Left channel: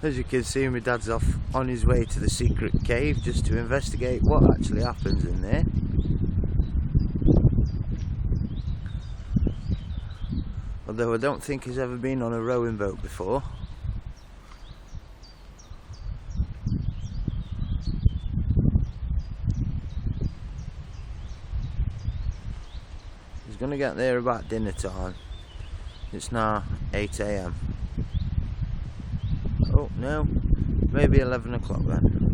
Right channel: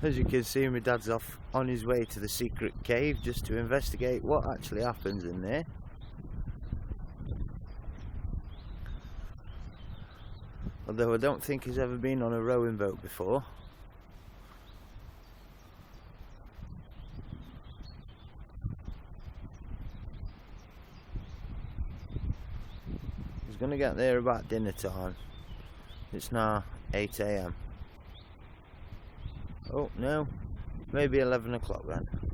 As you can see, my dad's off on his way to the secret cave just to investigate what actually happens in there. Although I don't think he's ever been on a rowing boat before. He's going to get there about dinner time. It's now 8 AM. Oh no, maybe 11 o'clock then.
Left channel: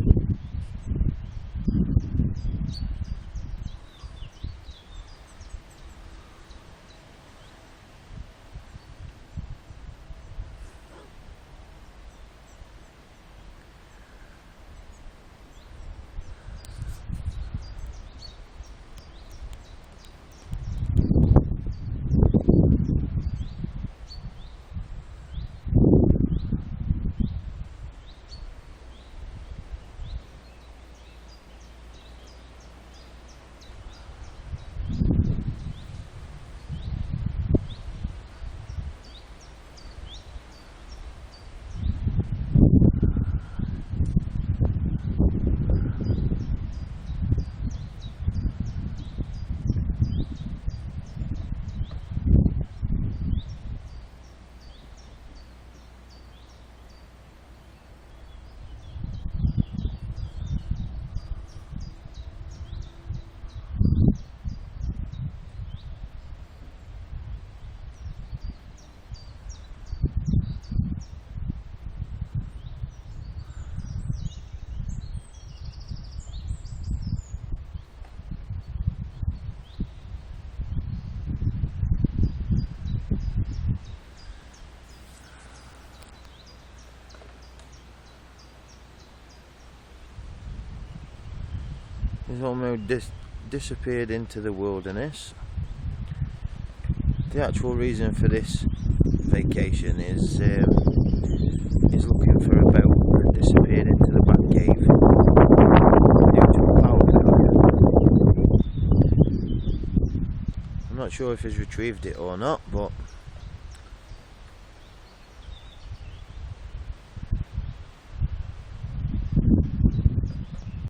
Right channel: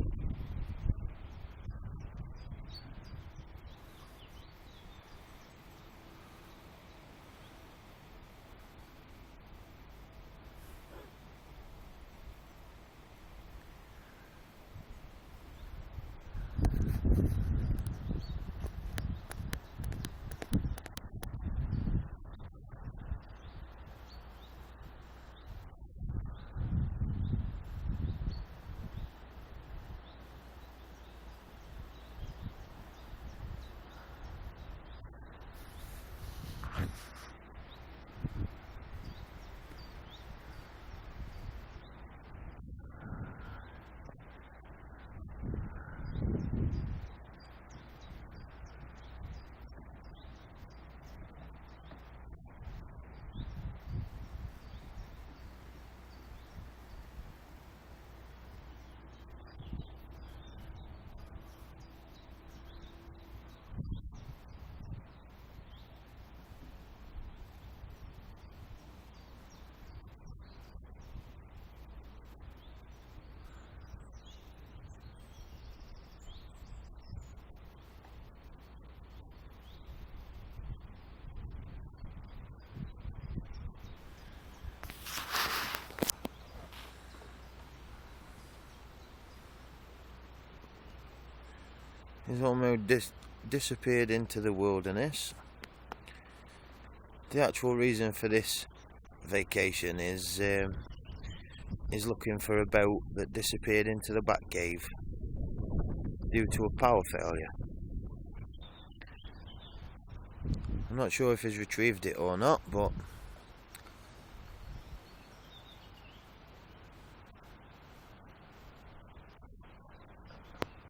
He's almost disappeared into the wilderness. The actual reason for this vacation is looking for a boat that disappeared into the back cave due to a power failure. I'm not sure if he's retrieved it or not, but